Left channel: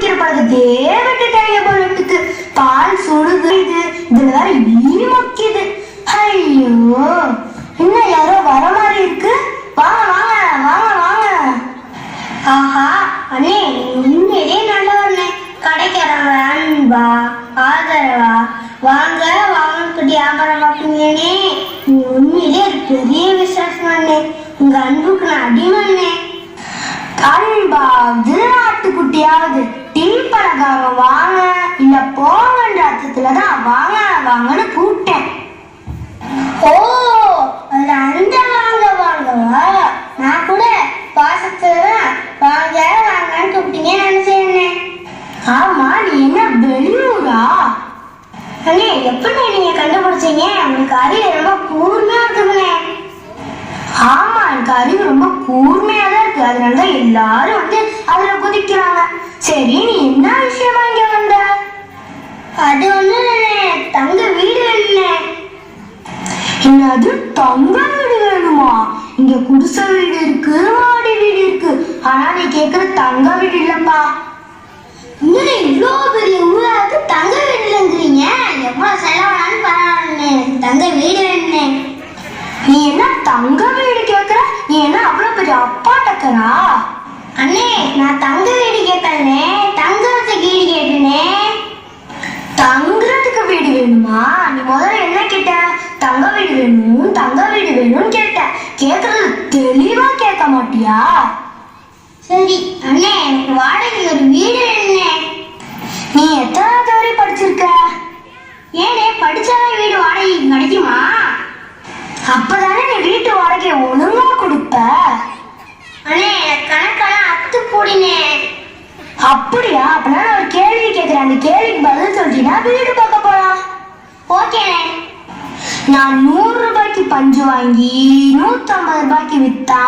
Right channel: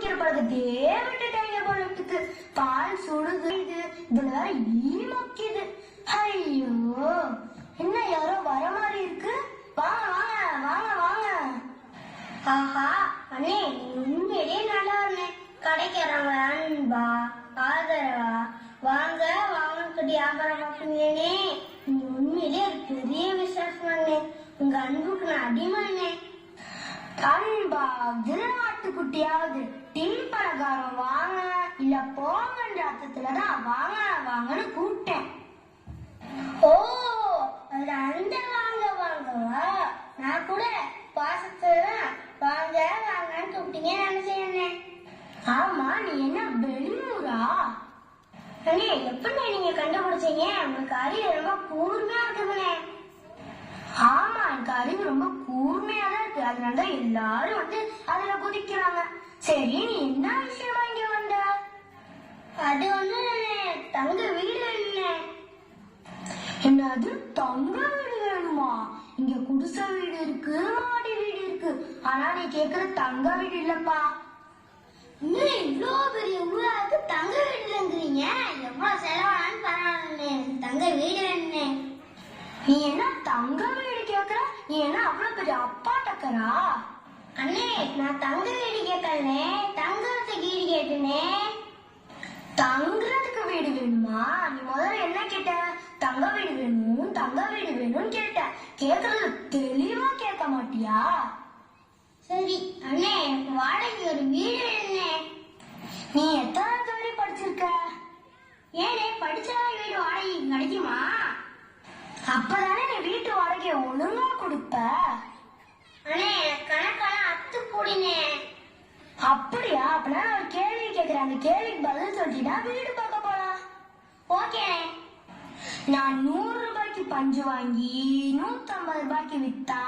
குடிக்கிற பழக்கத்தே விட்டுட்டாங்க போல இருக்கு. பால் சுடுது, இதுல வேற ஈ மொக்கிது. ஐயோ, இன்னும் யாரோ வர மாதிரி இருக்கு. வாங்க வாங்க வாங்க வாங்க. ஆஹா அண்ணே, உண்மையிலே நல்லவண்ணே. கடைக்காரங்க அன்பா ஆதரவா வாங்க வாங்கன்னு வியாபாரம் பார்ப்பீங்கன்னே. உண்மையிலே பெரிய விசேஷம் அண்ணே. உங்க அன்புக்கு நான் அடிமண்ணே. அன்பாவது ஆட்டுக்குட்டியாவது டீ பலகாரம் வாங்க இல்ல போங்கன்ற அர்த்தத்துலதான் வாங்க வாங்கன்னு கூப்பிட்டேன். ஓ, அதுல அந்த வாங்க வாங்கவா? நான் கூட பாசத்துலதான் வாங்க வாங்கன்னு கூப்பிட்டீங்கன்னு நினைச்சேன். ஆமா, நீ என்ன வெளியூரா? அண்ணே, எப்படி நீங்க கண்டுபிடிச்சீங்க? உங்களுக்கு அறிவு ரொம்ப கூர்மையா இருக்குதுண்ணே. ஆமா, எனக்கு அறிவு ரொம்ப கூர்மையா தான் இருக்கு. அதனாலதான் எல்லாரும் வந்து அதுல குதிக்கிறாங்க. சரி, நீ என்ன விஷயமா இங்க வந்த? அது ஒண்ணு தங்க வீடு வேணும்னே. என்னது தங்க வீடு வேணுமா? இங்க குடிசை வீடு இருக்கு, மாடி வீடு இருக்கு. ஆனா நீ கேக்குற தங்க வீடு இல்லப்பா. இன்னும் இவ்வளோ பெரிய ஊராக்கு தங்க வீடு இல்லைங்கிறீங்க. எவ்வளவு செலவானாலும் பரவாயில்ல, தங்க வீடு வேணும்னே. நீ என்ன தங்க வீடு கேக்குற? நீ என்ன அவ்வளவு பெரிய அப்பாட்டக்கரா? அண்ணே, நான் தங்க வீடு கேட்டேனே, தங்கறதுக்கு வீடு கேட்டேனே. தங்குறதுக்கு வீடு வேணுமா? நீ முதல்ல என்ன கேட்ட? தங்க வீடு வேணும், தங்க வீடு வேணும்னு கேட்ட. கேக்குறது தெளிவா கேட்க மாட்டியா? சரி அண்ணே, எனக்கு வாடகை ஒரு வீடு வேணும்னே. நீ எத்தனாவது வரை படிச்சிருக்க? ஏனே, படிச்சாதான் வீடு வாடகை கிடைக்குமா? அப்பதானே நீ வீட்டு வாடகை ஒழுங்கா கொடுப்ப. அண்ணே, கணக்கெல்லாம் அத்து போடினே. அப்படியா? அப்பனா நான் ஒரு கேள்வி கேட்கிறேன், அந்த கேள்விக்கு பதில் சொல்லிட்டீங்கன்னா வீடு பார்க்க போலாம். ஓகேண்ணே. நான் 100 ரூபாய்க்கு பஞ்சு வாங்கி 150 ரூபாய்க்கு வித்தா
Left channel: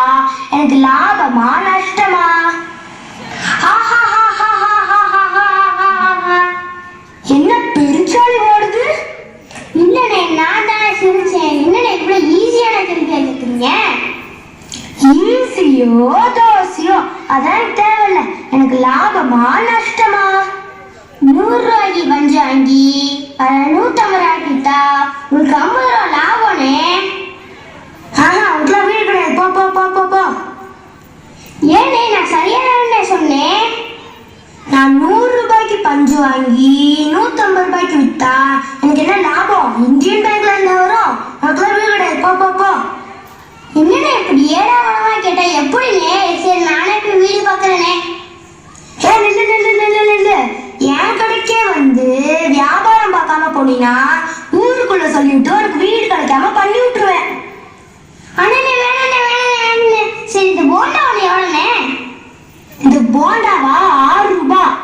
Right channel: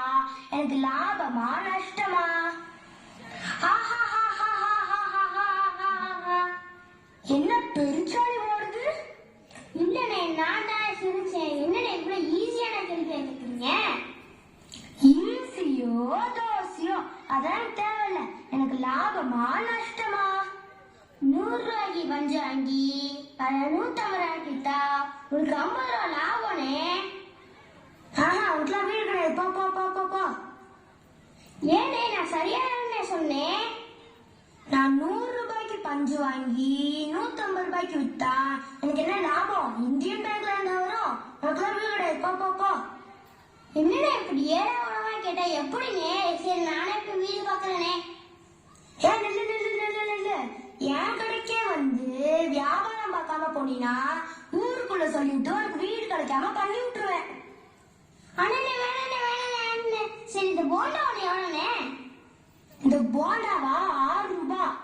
எனக்கு லாபமா நஷ்டமா? என்ன பெருச்சாளி ஓடுது? இல்லனே, நான் தானே சிரிச்சேன். என்னனே இவ்வளவு ஈஸியான கேள்வி கேட்குறீங்க? ஈஸியோ தோசையோ அதான் தேவையில்ல. எனக்கு லாபமா நஷ்டமா? 100 ரூபாய்க்கு பஞ்சு வாங்கி 150 ரூபாய்க்கு வித்தா உங்களுக்கு 50 ரூபா லாபம்னே. உங்களுக்குலாம் வீடு கிடையாது, போ போ போ போ போ. ஏனே, நான் சரியான சொன்னேன். நான் 100 ரூபாய்க்கு பஞ்சு வாங்கி 150 ரூபாய்க்கு வித்தா எனக்கு என்ன லாபம்? இந்தியன் பேங்க்ல இருந்தா வரும். உங்களுக்குலாம் வீடு கிடையாது, போ போ போ. என்னடா இப்படி ஏடாவா கேட்டா எப்படினே? சரி, நானே போய் வீடு பார்க்கறேனே. என் கடைக்கே வந்து வியாபாரம் பார்க்காம போனீங்கன்னா ஊருக்குள்ள சொல்லிவிட்டு உனக்கு வீடு கிடைக்காம பண்ணி விட்டுருவேன். அண்ணே, வேணாண்ணே வேணாண்ணே. சரி, இந்த போண்டா ஒண்ணு எவ்வளோண்ணே? இந்த போண்டாவா 6 ரூபாய்.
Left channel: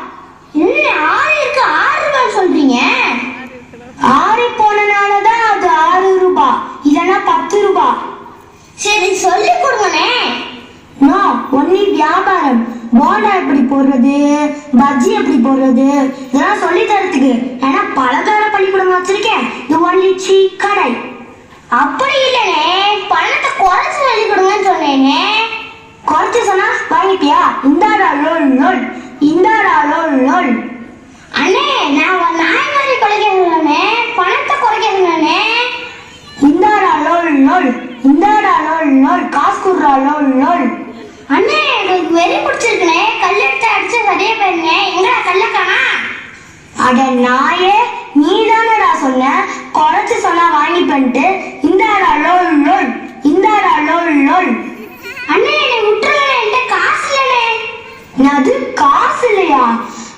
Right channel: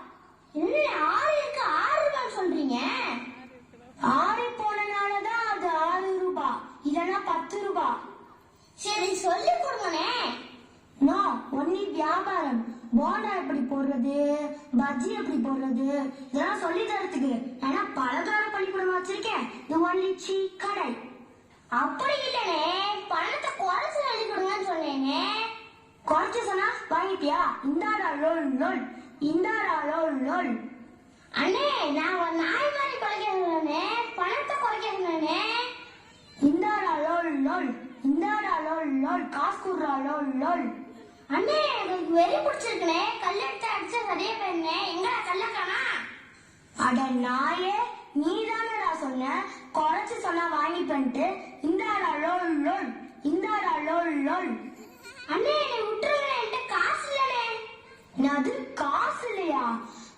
என்ன 6 இருக்கு, 6 ரூபாய் சொல்றீங்க? 6 போனனாலதான் அது 6 ரூபாய், இல்லைன்னா 10 ரூபாய். சரி, சொல்லி கொடுங்கண்ணே. ஒன்னி வியாபாரம். போண்டா எப்படி போடுறது, பஜ்ஜி எப்படி போடுறது, இதெல்லாம் சொல்லி தரத்துக்கு. ஏன்னா பலகார பள்ளிக்கூடம் வச்சிருக்கேன். இது ஒன்லி சீ கடை. அப்படி இல்லனே, பணத்தை குறைச்சு சொல்லி கொடுங்கன்னு சொன்னேனே. குறைச்சு சொன்னா வாங்கிப்பியா? இந்தாடா லோல் லோல், இந்தாடா லோல் லோல். அண்ணே, நான் ஒரு நாய் மாதிரி குறைக்கிறேன், பணத்தை குறைக்கிறேன். இந்தாடா லோல் லோல், இந்தாடா லோல் லோல், காசு குடுறா லோல் லோல். அண்ணே, எனக்கு வெறி பிடிச்சிருக்குனே. கல்லெடுத்து அடிச்சு சரியா போயிருந்தே. எங்கடா கல்லக்கானா? அட நாயே, நீ தானடா சொன்ன குறைச்சு சொன்னா வாங்கி பண்ணிட்டு. இந்தாடா லோல் லோல், இந்தாடா லோல் லோல். அண்ணே, என்னை விட்டுருங்க, என்கிட்ட காசு இல்லனே. அது காசு இல்லையா?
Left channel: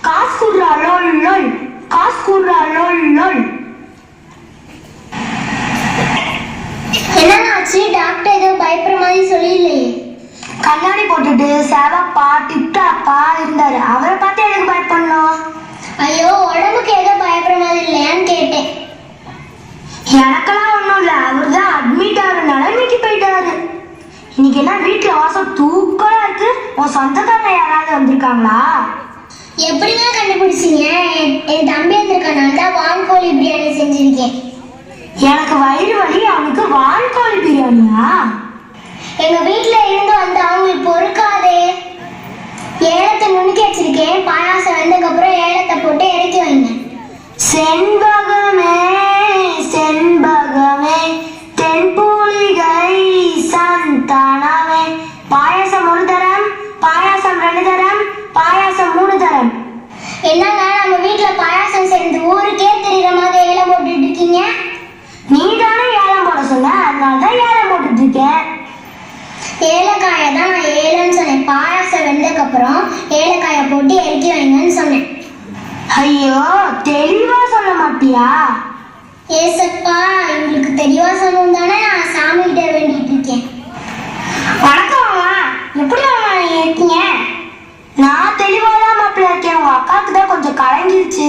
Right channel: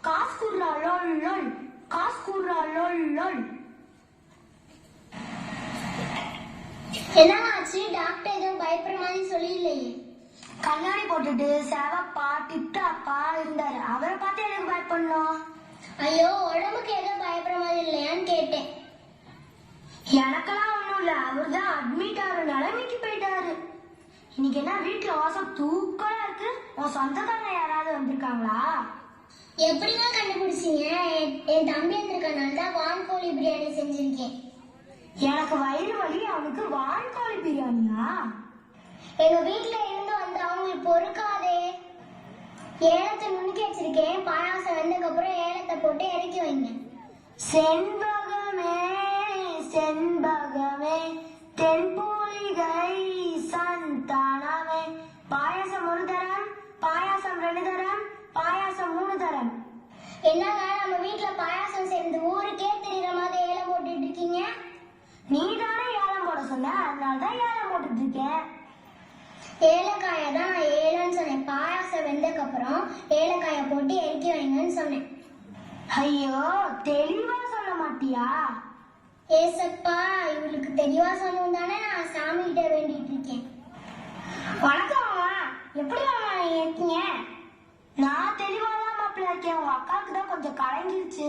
காசு குடுறா லோல் லோல், காசு குடுறா லோல் லோல். என்னாச்சு? டாக்டர் ஏதோ பயப்படுற மாதிரி சொல்லிடலையே. கண்ணாடி போட்டுட்டு செவப்பா டிப்டாப்பா இருந்தாரு. அவரை பார்த்து எனக்கு பயப்படணும். ஐயோ, உடம்புக்கு ஏதோ பயப்படுற மாதிரி இல்லையான்னு கேட்டேன். எனக்கெல்லாம் ஒண்ணும் இல்ல. அவர் தான் அட்மிட் ஆகிற நிலைமைக்கு போயிட்டாரு. இன்னைக்கு எல்லாம் வீட்டுல வாசம் தூக்கலா இருக்கு. உன் சொந்தக்காரங்க யாராவது வந்திருக்காங்களா? எப்படிங்க கண்டுபிடிச்சீங்க? என் தம்பி வந்திருக்கனால தான் வான்கோழி பிரியாணி செஞ்சிருக்கேன். எனக்கு வயிறு வலி, அவனுக்கு வான்கோழி பிரியாணியா? எங்க வீட்டுல இருந்து வந்து அவங்களுக்கு பொறுக்காதே. ஏலத்தை நுணுக்கி வச்சிருக்கேன். பாயாசம் வெந்ததுக்கு ஆனதுக்கு அப்புறம் ஏலக்காயை போட்டு இறக்கி வைங்கன்னு சொன்னேன். ஐயோ, தெளிவா சொல்ல மாட்டியா? ஏசப்பா, உங்களுக்கு தெளிவா சொல்லணும் தானே நான் சாமி கிட்ட வேண்டிட்டு இருக்கேன். வணக்கம் மாமா, எப்படி மாமா நீங்க இருக்கீங்க? நான் தெளிவாதான் மாப்பிள்ள இருக்கேன். உங்க அக்காவுக்கு தான் கொஞ்சம் கலங்கிருச்சு.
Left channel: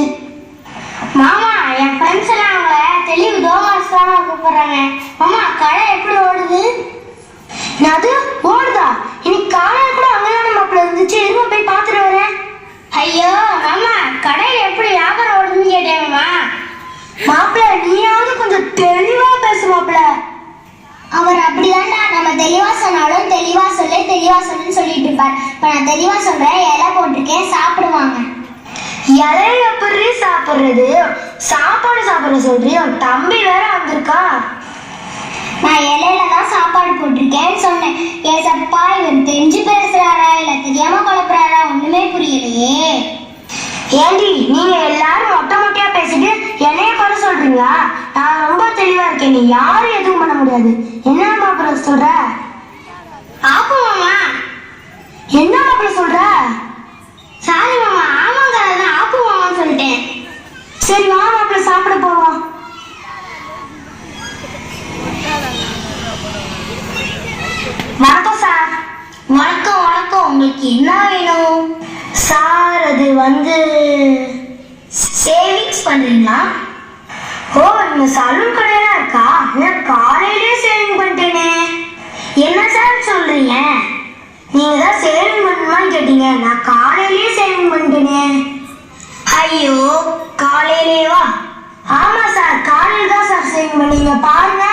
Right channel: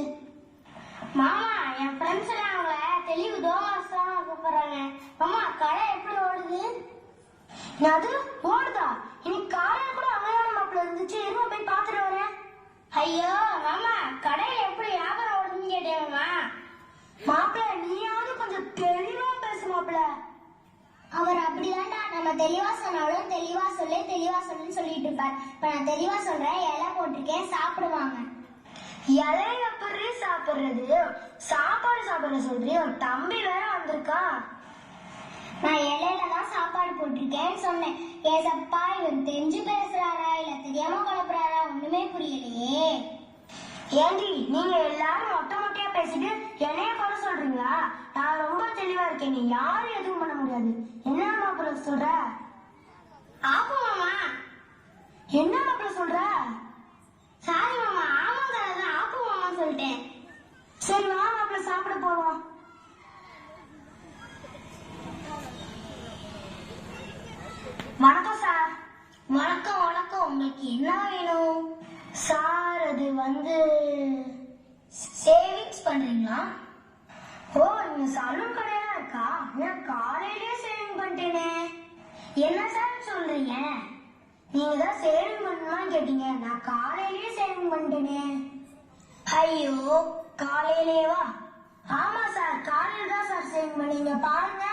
மாமா, என் ஃப்ரெண்ட்ஸ் எல்லாம் அவங்க தெளிவு தோமாஸ் தான் கூப்பிடுறாங்க. மாமா, கடை எப்படி ஓடுது? அது ஓடுதா? இன்னைக்கு காலையில் கூட அங்கதான மாப்பிள்ள இருந்துச்சு. இருமா போய் பார்த்துட்டு வரேன். ஐயோ மாமா, கடையில் எப்படி வியாபாரம் ஓடுதுன்னு கேட்டேன்மா. மாப்பிள்ள, நீயாவது கொஞ்சம் தெளிவா பேசு மாப்பிள்ள. அவர் அப்படிதான்டா, நம்ம தெளிவா சொன்னாலும் தெளிவா சொல்லுன்னு சொல்லிட்டு இருப்பார். இப்ப நான் தெளிவா சொல்றேன், இலை போட்டிருக்கேன், சாப்பிடுவாங்க. இலைய எப்படி சாப்பிடுறது? சாப்பாடு சாப்பிட சொல்றியா? தம்பி வேற வந்திருக்கா. நான் இலையில தான் சாப்பாடு போட்டிருக்கேன்னு சொன்னேன். ஏசப்பா, இவர் தெரிஞ்சு பேசுறாரா இல்ல தெரியாம குழப்புறாரா ஒண்ணுமே புரியலையே. ஏண்டி, நீங்க எல்லாரும் மொட்டை மொட்டையா பேசிட்டு என்னைய குறை சொல்றீங்களா? நான் ரொம்ப தெளிவா இருக்கேன், நீ யாரும் எதுவும் பண்ண முடியாது. என்ன மாப்பிள்ள சொல்ற? ஆப்பு மாமா. என்ன மாப்பிள்ள சொல்ற? சாரி மாமா, ஆமாங்க, அதான் ஆப்பு மாமான்னு சொல்லிட்டேன். சரி வா மாப்பிள்ள, சாப்பிட போவோம். வணக்கம் சார். வணக்கம் வணக்கம், உங்களுக்கு என்ன வேணும்? சார், அது சேவிங்ஸ் பண்றீங்களா? ஓ, நீங்க சலூன் கடையெல்லாம் இருக்கா? நான் காலையிலேயே சேவிங் பண்ணிட்டேனே. என்ன சார் சொல்றீங்க? நீங்க தான் சேவிங் பண்ணணுமான்னு கேட்டீங்க, நான் காலையிலேயே சேவிங் பண்ணிட்டேனே. ஐயோ, காலையிலேவா? ஆமா சார், காலையில் தான் சார் சேவிங் பண்ணீங்க. பாருங்க.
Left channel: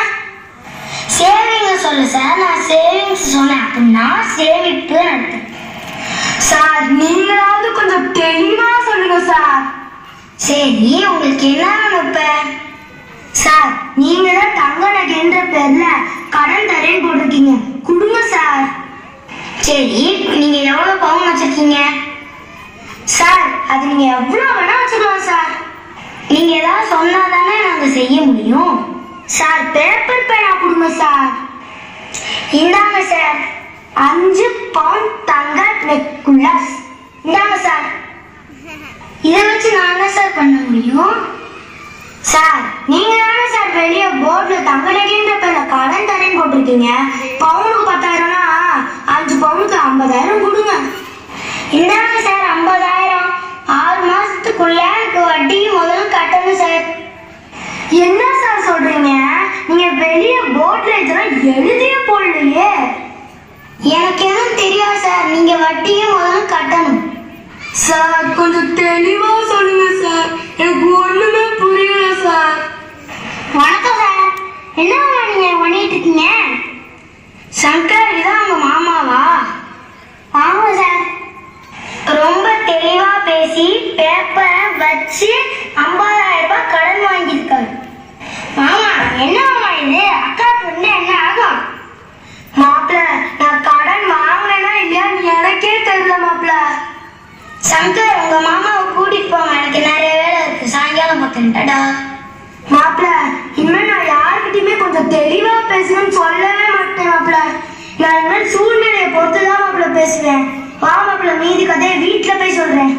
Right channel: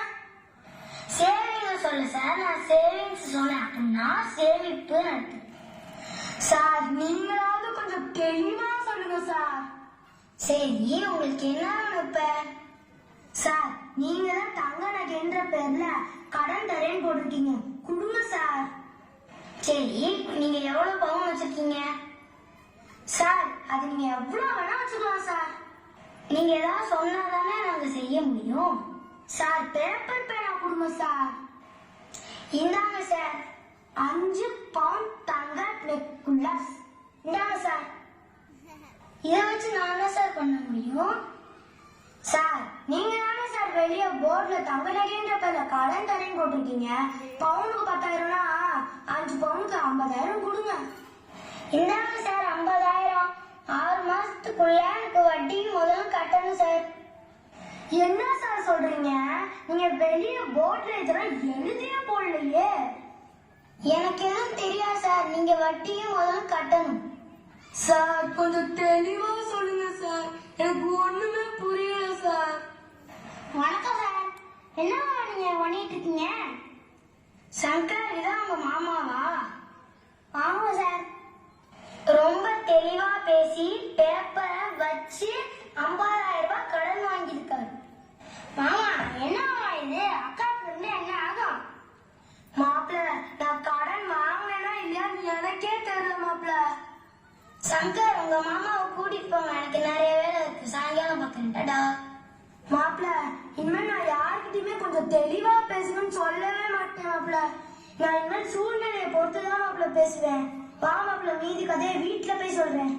சேவிங் சொல்ல சார், நான் சேவிங்ஸ் சொன்னேன் அப்படின்னா சேமிப்பு நடத்தும். சார், நீங்களாவது கொஞ்சம் தெளிவா சொல்லுங்க சார். சரி, உங்களுக்கு என்ன நினைப்ப? சார், நீங்க தான் தங்க நகைன்ற பேர்ல கடன் தரேன்னு போட்டிருக்கீங்க, கொடுங்க சார். சரி, நீங்க எவ்வளவு பவுன் வச்சிருக்கீங்க? சார், அது நீங்க எவ்வளவு வேணா வச்சுக்கலாம் சார். நீங்க ஏதாவது சொன்னாதானே நாங்க செய்ய முடியும். சார், பேப்பர் பேனா கொடுங்க சார். இந்தாங்க சார், 5 பவுண்ட் தங்க நெக்லஸ். இந்தாங்க சார். இதை வச்சு நான் என்ன சார் பண்ண முடியும்? சார், நீங்க தானே சார் வெளியே போர்ட்ல தங்க நகைன்ற பேர்ல கடன் தரேன்னு போட்டிருக்கீங்க. பவுனுக்கு 10,000னா 5 பவுனுக்கு 50,000 கொடுங்க. இந்தாங்க சார் 50,000. 6 மாசத்துக்குள்ள எனக்கு வட்டி முதல்ல கட்டணும் சார். என்ன சார் சொல்றீங்க? நீங்க வெளியே போர்ட்ல இதெல்லாம் எழுதியே போடலையே. எனக்கு எதுவும் தெரியாது சார், நீங்க வட்டியும் முதல்ல கட்டணும். சார், கொஞ்சம் தெளிவா சொல்லுங்க சார், எனக்கு ஒண்ணுமே புரியல சார். வணக்கம் சார், என்ன நீங்க பண்ணிட்டு இருக்கீங்க? சங்கர், இதான் உங்க மாமாவா? ஆமா சார். ரொம்ப தெளிவா பேசி பேப்பரை வச்சு 50,000 ரூபாய் கடன் வாங்கியிருக்காரு. மாமா, என்ன மாமா இது? அக்காவுக்கு என்ன ஆகும்? மாப்பிள்ள, நான் கடன் வாங்கினேன்னா இல்லையான்னு எனக்கே தெரியல மாப்பிள்ள. சங்கர், உங்க மாமாவை கூட்டிட்டு போங்க, எனக்கு நிறைய வேலை இருக்கு, சாயங்காலம் பார்க்கட்டா. மாப்பிள்ள, இனிமேல் நான் யாருக்கிட்டையுமே கொஞ்சம் தெளிவா பேசணும்னு சொல்லவே மாட்டேன் மாப்பிள்ள. நான் இனிமேல் சூழ்நிலையை பொறுத்துதான் மாப்பிள்ள பேசுவேன். வா மாப்பிள்ள, மீதி கதையை வீட்டுல போய் சொல்றேன்.